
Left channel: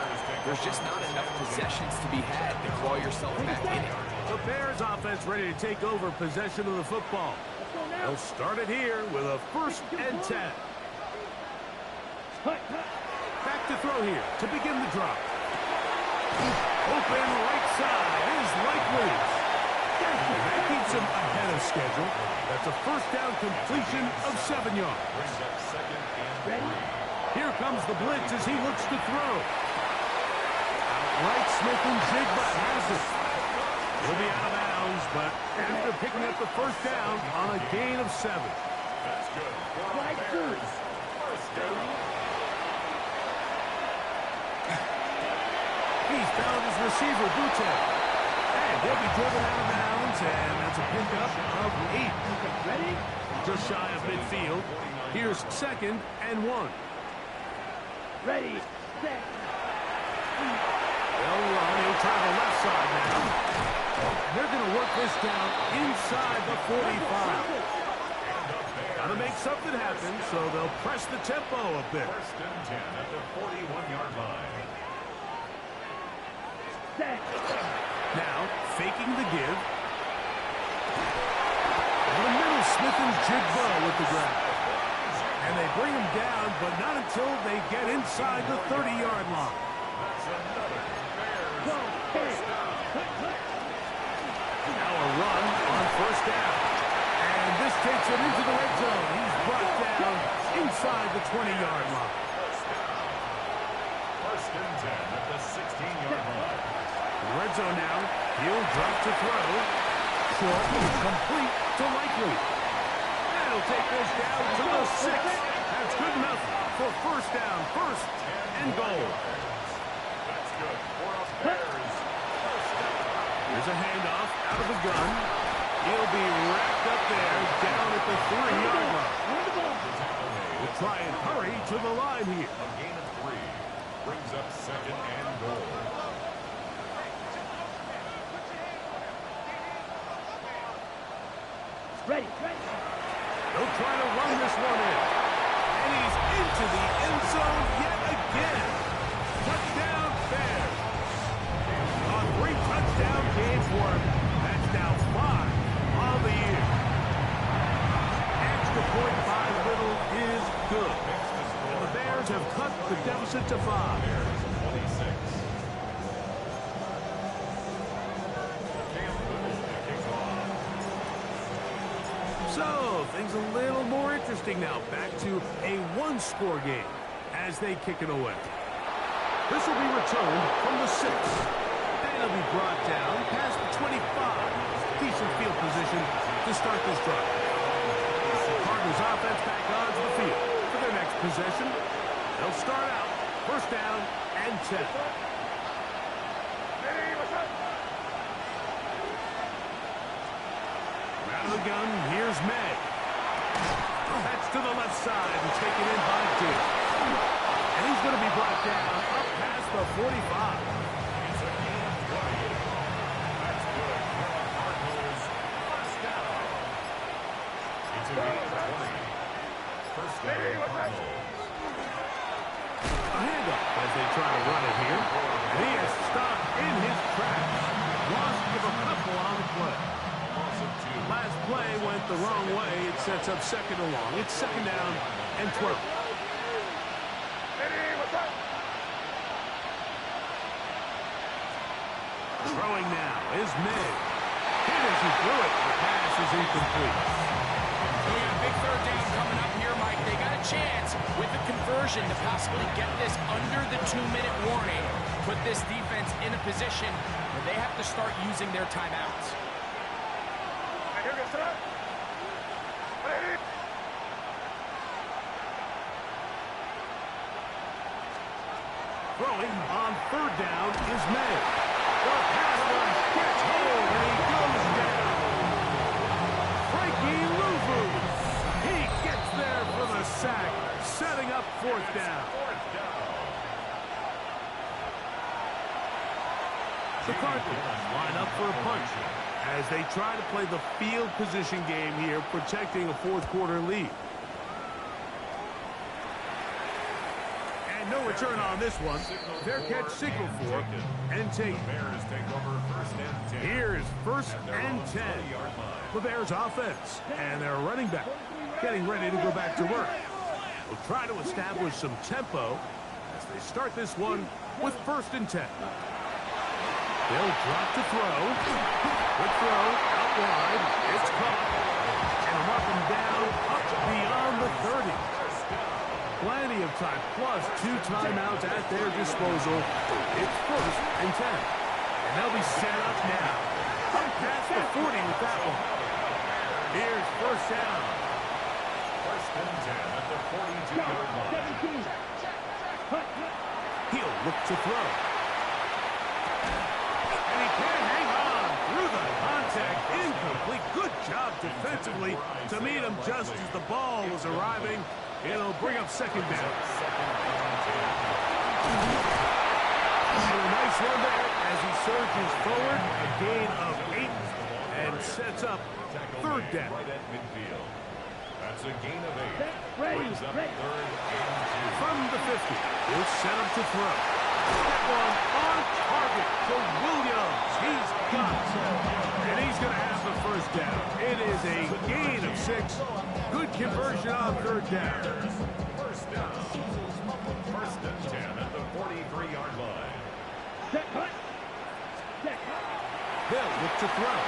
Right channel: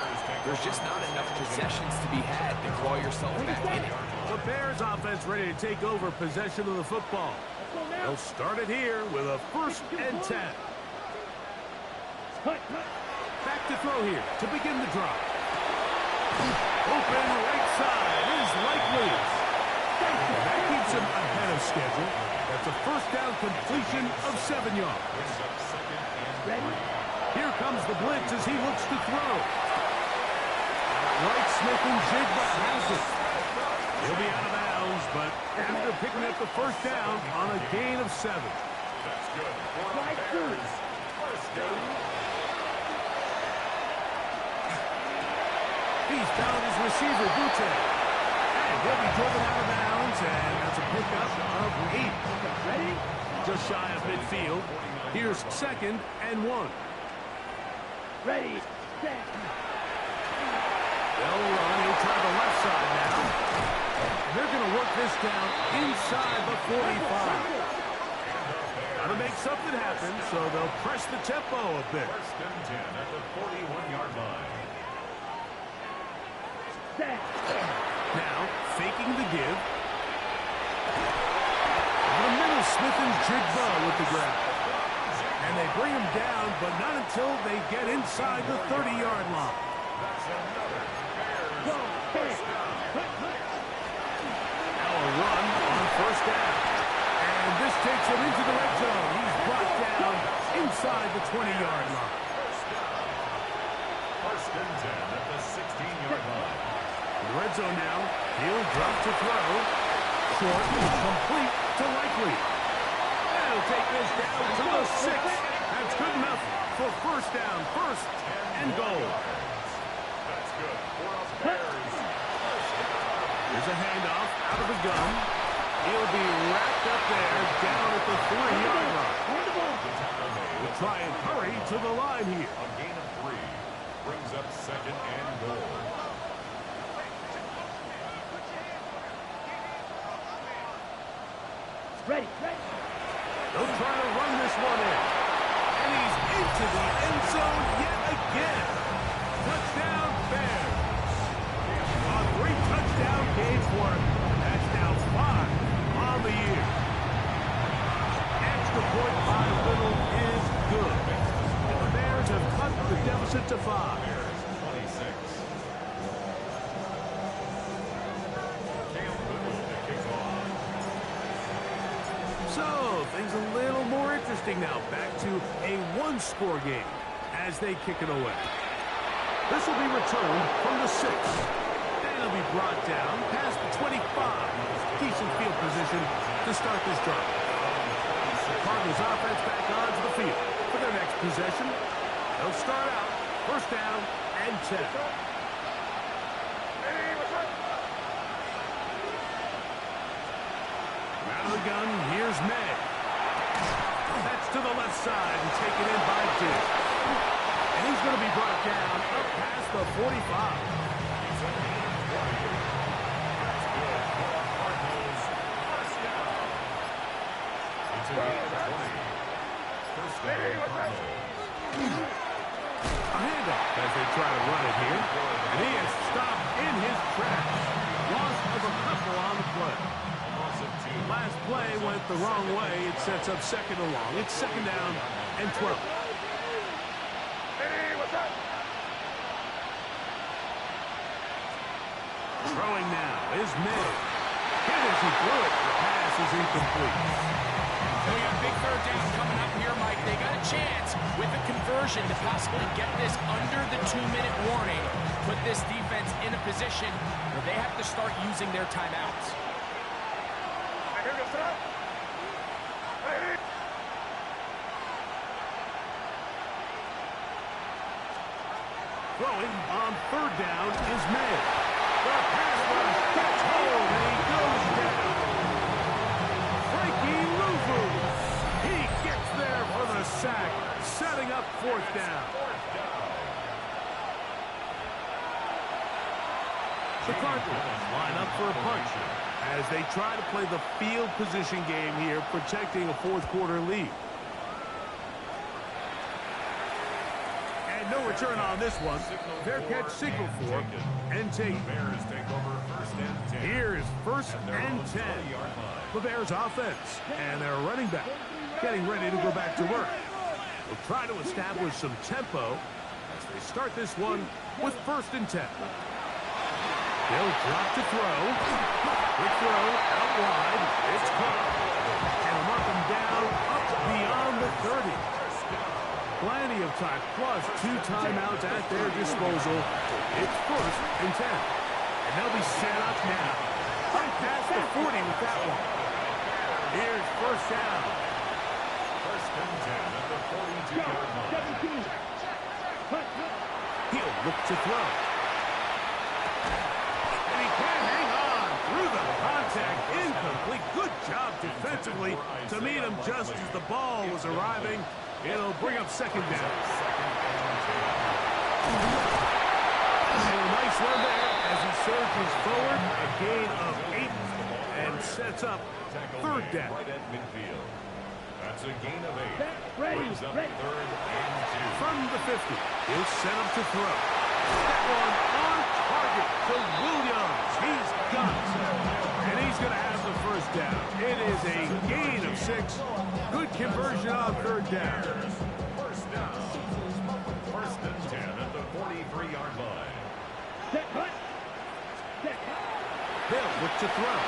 there's just not enough possessions to be had to claw yourself back in it. The Bears offense ready to take over possession of the football. They'll start it here with a 1st and 10. Back to throw here to begin the drop. Open right side is Likely. That keeps him ahead of schedule. That's a first down completion of 7 yards. Brings up second and 3. Here comes the blitz as he looks to throw. Outright Smith-Njigba has it. He'll be out of bounds, but after picking up the first down on a gain of 7. That's good. For the Bears, first down. He's found his receiver, Butte. And he'll be driven out of bounds, and that's a pickup of 8. Ready? Just shy of midfield. Here's second and 1. Ready. Set. They'll run. He'll try the left side now. And they're going to work this down inside the 45. Got to make something happen, so they'll press the tempo a bit. First and 10 at the 41-yard line. Set. Now, faking the give. In the middle, Smith-Njigba with the grab. And they bring him down, but not until they get inside the 30-yard line. That's another Bears Go. first down. Now a run on first down. And this takes him into the red zone. He's brought down inside the 20-yard line. First down. First and 10 at the 16-yard line. In the red zone now. He'll drop to throw. Short, complete to Likely. That'll take this down to the 6. That's good enough for first down. First and goal. That's good for a Bears first down. Here's a handoff out of the gun. He'll be wrapped up there down at the 3-yard line. On the ball. The tackle made. We'll try and hurry to the line here. A gain of 3 brings up second and goal. Ready. Ready. They'll try to run this one in. And he's into the end zone yet again. Touchdown, Bears. A 3-touchdown game for him. That's now 5 on the year. Extra point by Little is good. And the Bears have cut the deficit to 5. Bears 26. So, things a little more interesting now. Back to a one-score game as they kick it away. This will be returned from the 6. And it'll be brought down past the 25. Decent field position to start this drive. Cardinals offense back onto the field for their next possession. They'll start out first down and 10. Out of the gun, here's May. That's to the left side and taken in by Dick. And he's going to be brought down up past the 45. It's a gain of 20. That's good for our Cardinals. First down. It's a gain of 20. First down, Cardinals. A handoff as they try to run it here. And he is stopped in his tracks. Loss of a couple on the play. Last play went the wrong way. It sets up second and long. It's second down and 12. Throwing now is May. Hit as he threw it. The pass is incomplete. So we got a big third down coming up here, Mike. They got a chance with a conversion to possibly get this under the 2-minute warning. Put this defense in a position where they have to start using their timeouts. Throwing on third down is May. The pass rush gets hold and he goes down. Frankie Luvu. He gets there for the sack, setting up fourth down. The Cardinals line up for a punch as they try to play the field position game here, protecting a fourth-quarter lead. And no return on this one. Fair catch signal for and take. Here is first and 10. The Bears offense and their running back getting ready to go back to work. They'll try to establish some tempo as they start this one with first and 10. They'll drop to throw. Quick throw out wide. It's caught. And they'll mark him down up beyond the 30. Plenty of time, plus 2 timeouts at their disposal. It's first and 10. And they'll be set up now. Up past the 40 with that one. Here's first down. First and 10 at the 42-yard line. He'll look to throw. And he can't hang on through the contact. Incomplete. Good job defensively to meet him just as the ball was arriving. It'll bring up second down. And a nice run there as he surges forward. A gain of 8 and sets up third down. Right at midfield. That's a gain of 8. Brings up third and 2. From the 50, he'll set up to throw. That one on target to Williams. He's got it. And he's going to have the first down. It is a gain of 6. Good conversion on third down. First down. First and 10 at the 43-yard line. Set cut. Set cut. They'll look to throw.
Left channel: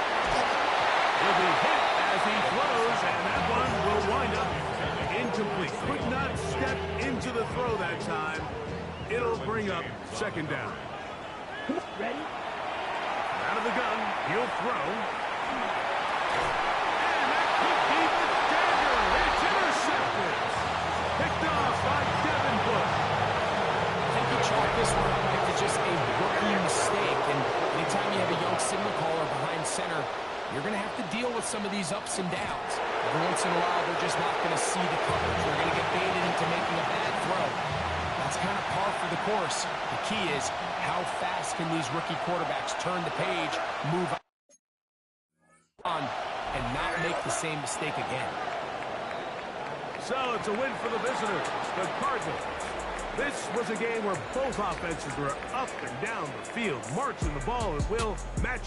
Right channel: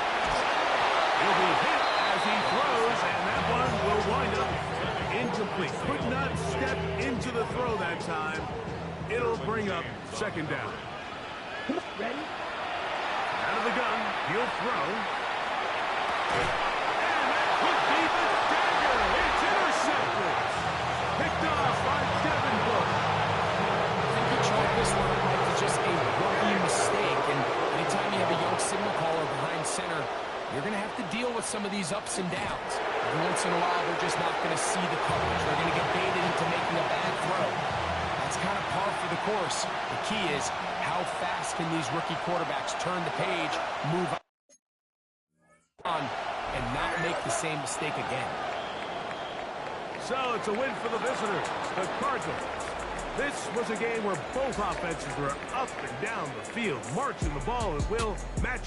He'll be hit as he throws, and that one will wind up incomplete. Could not step into the throw that time. It'll bring up second down. Ready? Out of the gun, he'll throw. And that could be the dagger. It's intercepted. Picked off by Devin Bush. I think he chalked this one up like to just a rookie mistake. And anytime you have a young signal caller behind center, you're going to have to deal with some of these ups and downs. Every once in a while, they're just not going to see the coverage. They're going to get baited into making a bad throw. That's kind of par for the course. The key is how fast can these rookie quarterbacks turn the page, move on, and not make the same mistake again. So it's a win for the visitors, the Cardinals. This was a game where both offenses were up and down the field, marching the ball at will, match.